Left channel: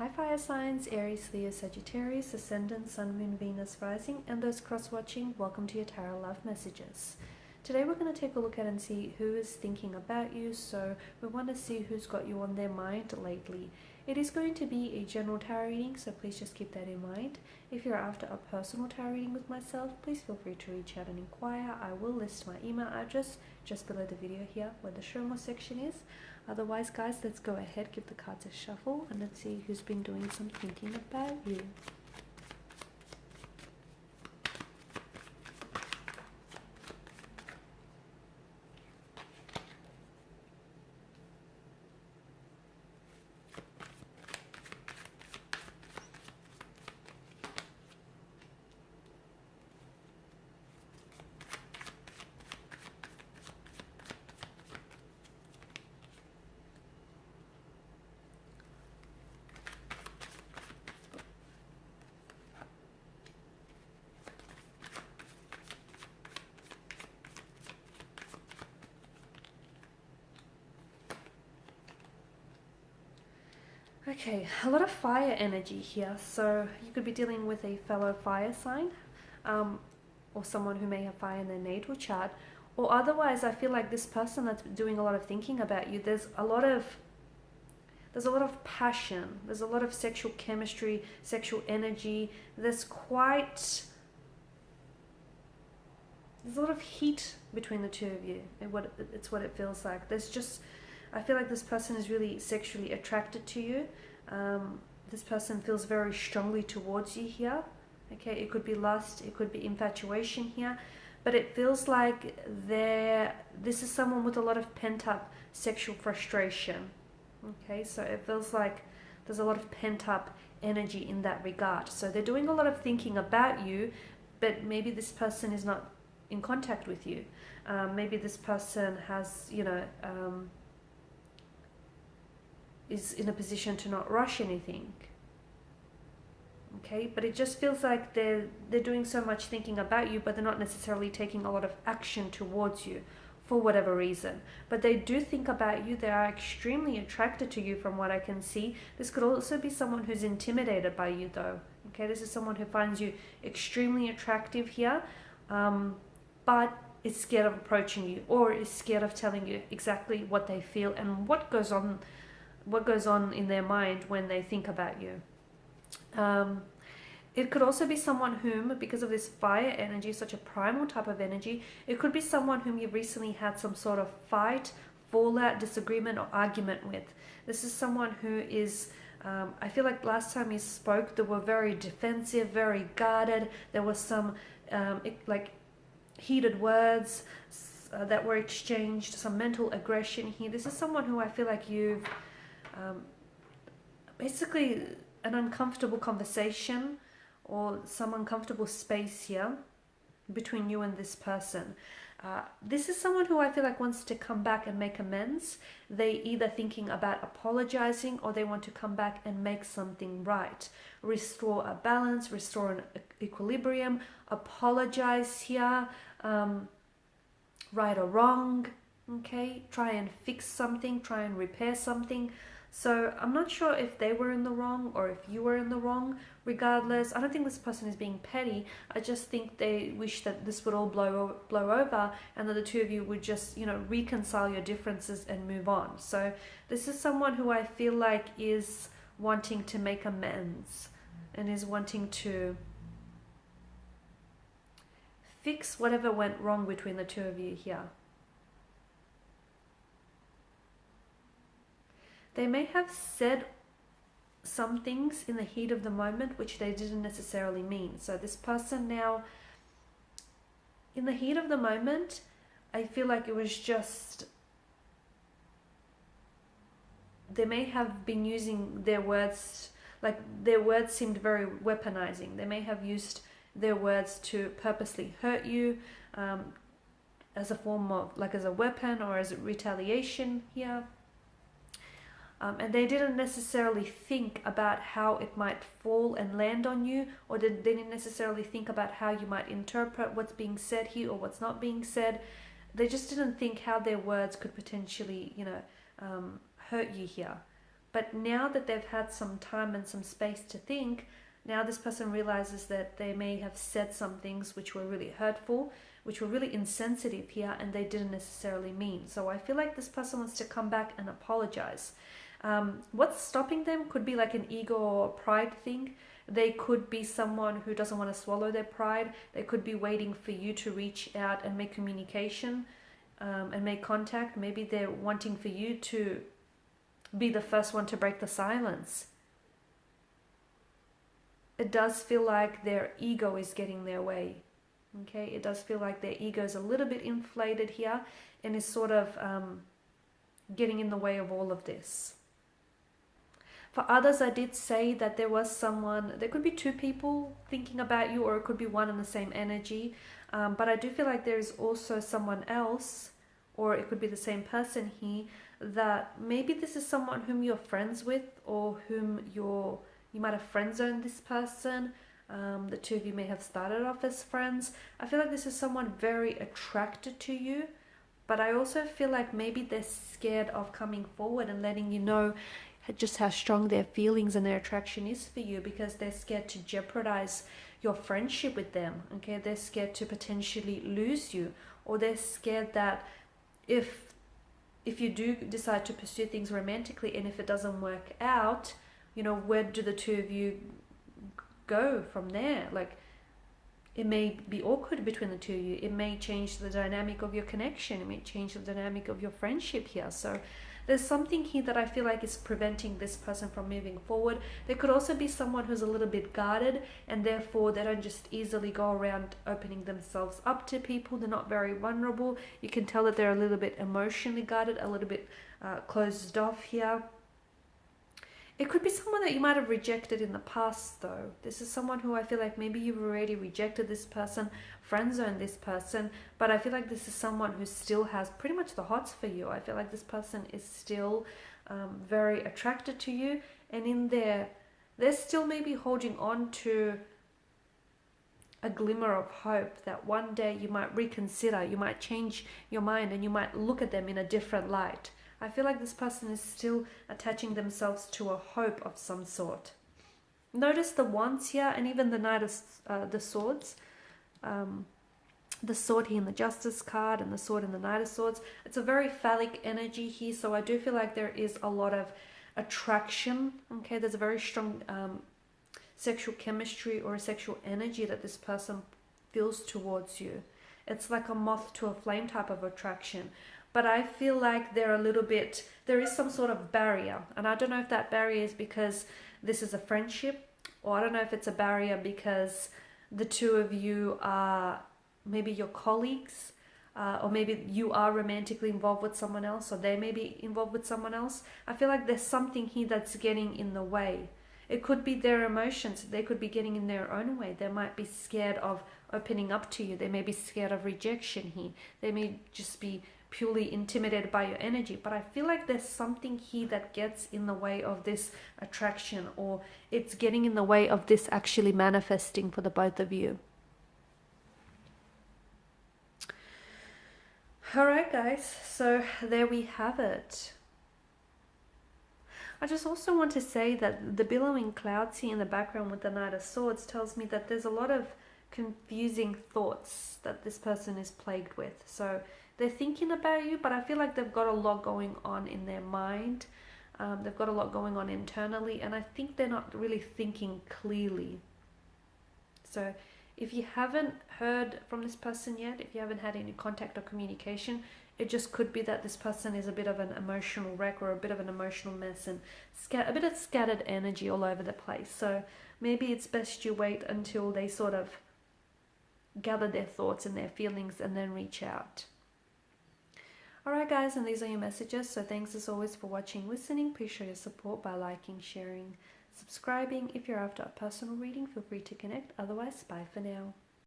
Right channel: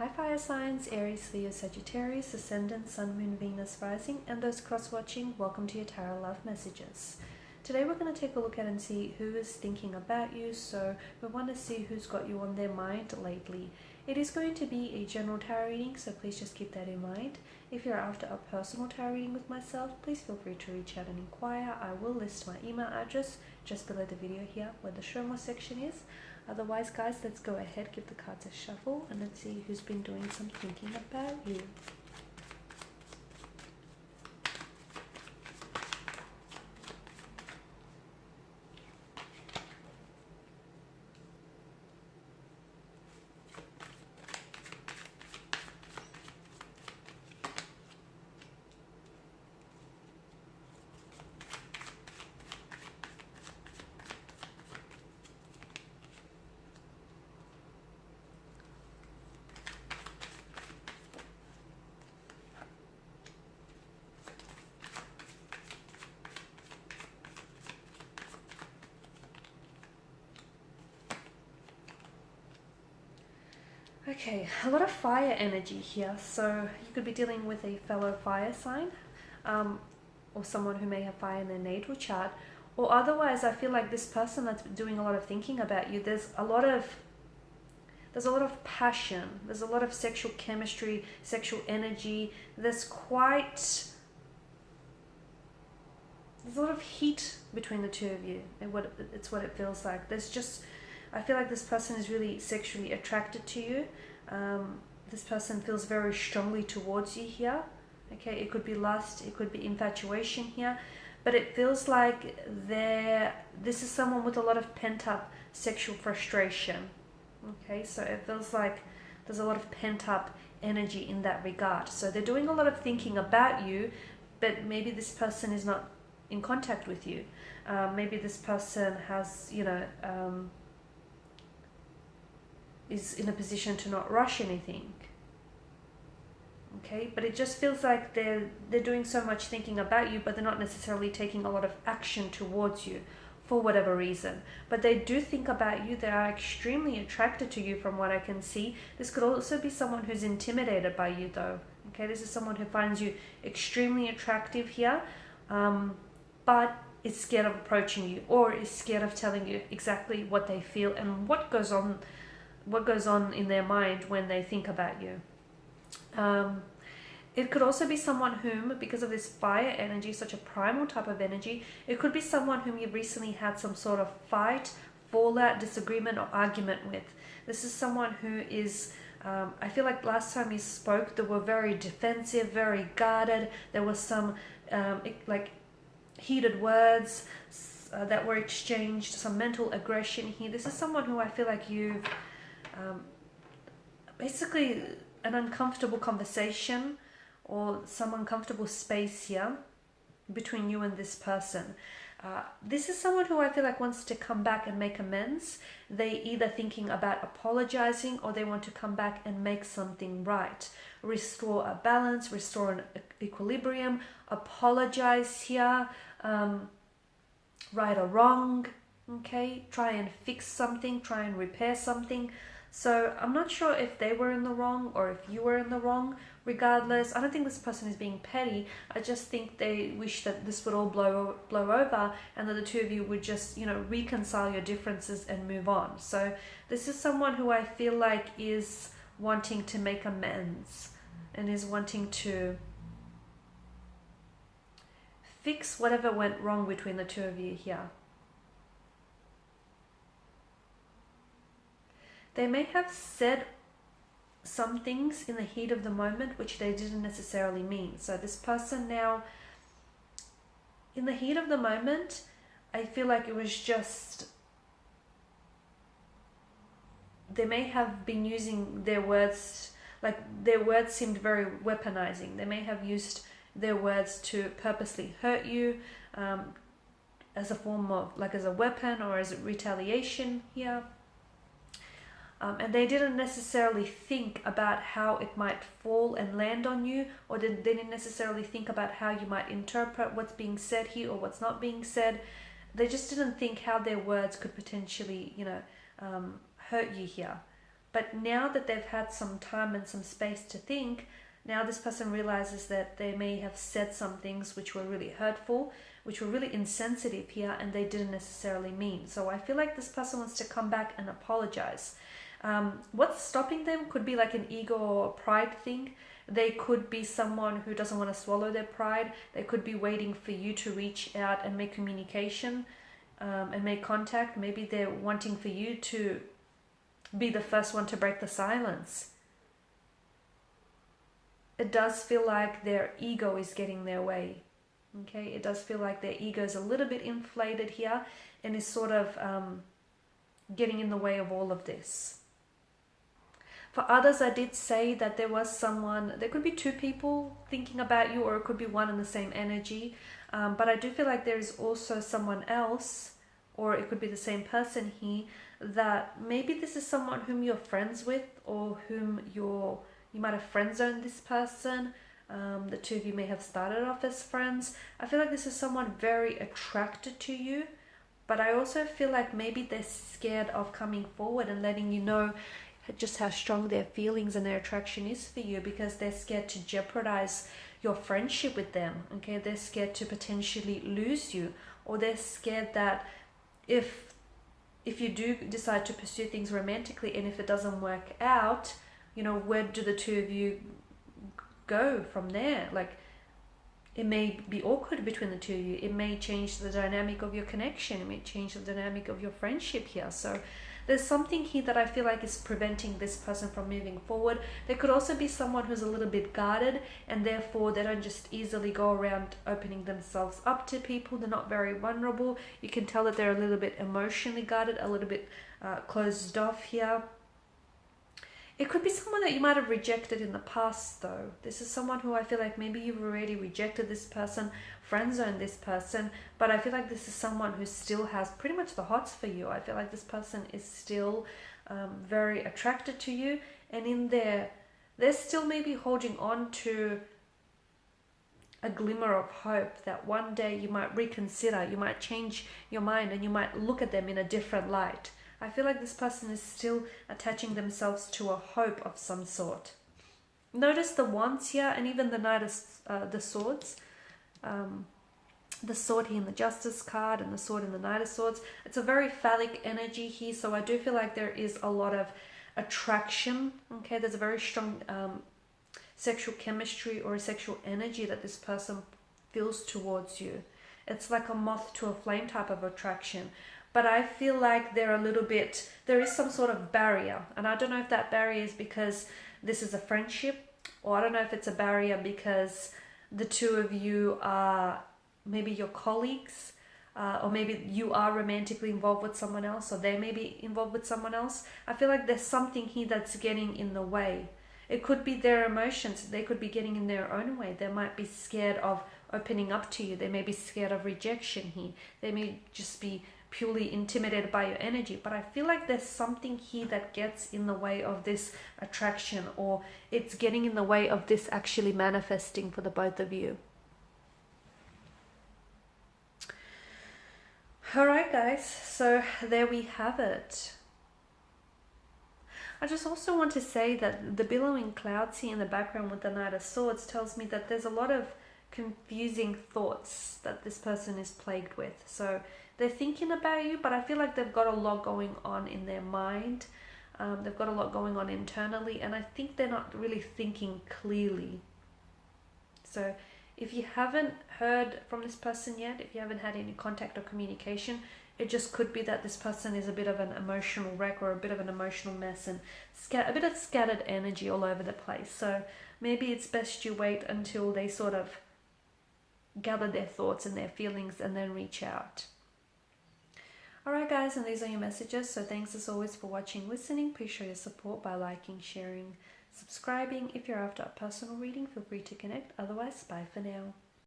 Hi fire signs, Aries, Leo, Sagittarius, Ascendant, Sun, Moon, Venus, Rising, and those cross-watching, welcome to your Tarot Love Messages. Today we're going to take a look at and see who is thinking about you, so we want to see who's got you on their mind lately. It is going to be a general tarot reading, so please just keep that in mind. If you're after a personal tarot reading with myself, please feel free to reach out and inquire. I will list my email address just below the video here where the show more section is. Otherwise, guys, let's go ahead, give the cards a shuffle, and let's see who's been doing some thinking about you. Okay, a lot of fire energy here, so you could be dealing with a fellow fire sign, or someone who may have fire in their natal chart, or otherwise I feel like this person that's doing a lot of thinking about you, there's a lot of passion, there's a lot of sexual chemistry, sexual energy, there's a lot of heat between the two of you, and it's what it feels like. I feel like this person is really sexually attracted to you. This person feels very strongly towards you here. Okay, it could be lust, it could be infatuation here, but it feels like this is someone with a lot of pent-up sexual frustration. Okay, so it feels like there's a lot of pent-up energy in that regard. So they're doing a lot of thinking about you, but maybe this person is not in contact with you. Maybe this person has, is in a position to not rush anything. Okay, but it just feels like they're doing so much thinking about you, but they're not necessarily taking a lot of action towards you for whatever reason. But they do think about you. They are extremely attracted to you from what I can see. This could also be someone who's intimidated by you though. Okay, this is someone who finds you extremely attractive here, but is scared of approaching you, or is scared of telling you exactly what they feel and what goes on in their mind when they think about you. It could also be someone whom, because of this fire energy, such a primal type of energy, it could be someone whom you've recently had some sort of fight, fallout, disagreement, or argument with. This is someone who is, I feel like last time you spoke, they were very defensive, very guarded. There was some heated words that were exchanged, some mental aggression here. This is someone who I feel like you've basically an uncomfortable conversation or some uncomfortable space here between you and this person. This is someone who I feel like wants to come back and make amends. They either thinking about apologizing, or they want to come back and make something right, restore a balance, restore an equilibrium, apologize here, right or wrong. Okay, try and fix something, try and repair something. So I'm not sure if they were in the wrong or if you were in the wrong. Regardless, I don't think this person is being petty. I just think they wish that this would all blow over, and that the two of you would just, reconcile your differences and move on. So this is someone who I feel like is wanting to make amends and is wanting to fix whatever went wrong between the two of you here. They may have said some things in the heat of the moment which they didn't necessarily mean. So this person now, in the heat of the moment, I feel like it was just, they may have been using their words, like their words seemed very weaponizing. They may have used their words to purposely hurt you, as a form of, as a weapon or as a retaliation here. And they didn't necessarily think about how it might fall and land on you, or they didn't necessarily think about how you might interpret what's being said here or what's not being said. They just didn't think how their words could potentially, hurt you here. But now that they've had some time and some space to think, now this person realizes that they may have said some things which were really hurtful, which were really insensitive here, and they didn't necessarily mean. So I feel like this person wants to come back and apologize. What's stopping them could be like an ego or pride thing. They could be someone who doesn't want to swallow their pride. They could be waiting for you to reach out and make communication and make contact. Maybe they're wanting for you to be the first one to break the silence. It does feel like their ego is getting their way. Okay, it does feel like their ego is a little bit inflated here and is sort of getting in the way of all of this. For others, I did say that there was someone, there could be two people thinking about you, or it could be one in the same energy. But I do feel like there is also someone else, or it could be the same person here, that maybe this is someone whom you're friends with, or whom you might have friend zoned this person. The two of you may have started off as friends. I feel like this is someone very attracted to you, but I also feel like maybe they're scared of coming forward and letting you know just how strong their feelings and their attraction is for you, because they're scared to jeopardize your friendship with them. Okay, they're scared to potentially lose you, or they're scared that if you do decide to pursue things romantically, and if it doesn't work out, you know, where do the two of you go from there? Like, it may be awkward between the two of you. It may change the dynamic of your connection. It may change the dynamic of your friendship here. So there's something here that I feel like is preventing this person from moving forward. There could also be someone who's a little bit guarded, and therefore they don't just easily go around opening themselves up to people. They're not very vulnerable. You can tell that they're a little bit emotionally guarded, a little bit closed off here. It could be someone that you might have rejected in the past, though. This is someone who I feel like maybe you've already rejected this person, friend-zoned this person, but I feel like this is someone who still has pretty much the hots for you. I feel like this person is still very attracted to you, and in there, they're still maybe holding on to a glimmer of hope that one day you might reconsider, you might change your mind, and you might look at them in a different light. I feel like this person is still attaching themselves to a hope of some sort. Notice the wands here, and even the Knight of the Swords. The sword here in the Justice card, and the sword in the Knight of Swords. It's a very phallic energy here, so I do feel like there is a lot of attraction. Okay, there's a very strong sexual chemistry or a sexual energy that this person feels towards you. It's like a moth to a flame type of attraction. But I feel like there is some sort of barrier. And I don't know if that barrier is because this is a friendship, or I don't know if it's a barrier because the two of you are maybe your colleagues, or maybe you are romantically involved with someone else, or they may be involved with someone else. I feel like there's something here that's getting in the way. It could be their emotions. They could be getting in their own way. They might be scared of opening up to you. They may be scared of rejection here. They may just be purely intimidated by your energy, but I feel like there's something here that gets in the way of this attraction, or it's getting in the way of this actually manifesting for the both of you. Alright guys, so there we have it. I just also want to say that the billowing clouds here in the background with the Knight of Swords tells me that there's a lot of confusing thoughts that this person is plagued with. So they're thinking about you, but I feel like they've got a lot going on in their mind. They've got a lot going on internally, and I think they're not really thinking clearly. So if you haven't heard from this person yet, if you haven't had any contact or communication, it just could be that this person is a bit of an emotional wreck, or a bit of an emotional mess, and a bit of scattered energy all over the place. So maybe it's best you wait until they sort of gather their thoughts and their feelings and then reach out. Alright guys, and these are your messages. So thanks as always for watching, listening. Please show your support by liking, sharing, subscribing. If you're after a personal reading, feel free to connect. Otherwise, bye for now.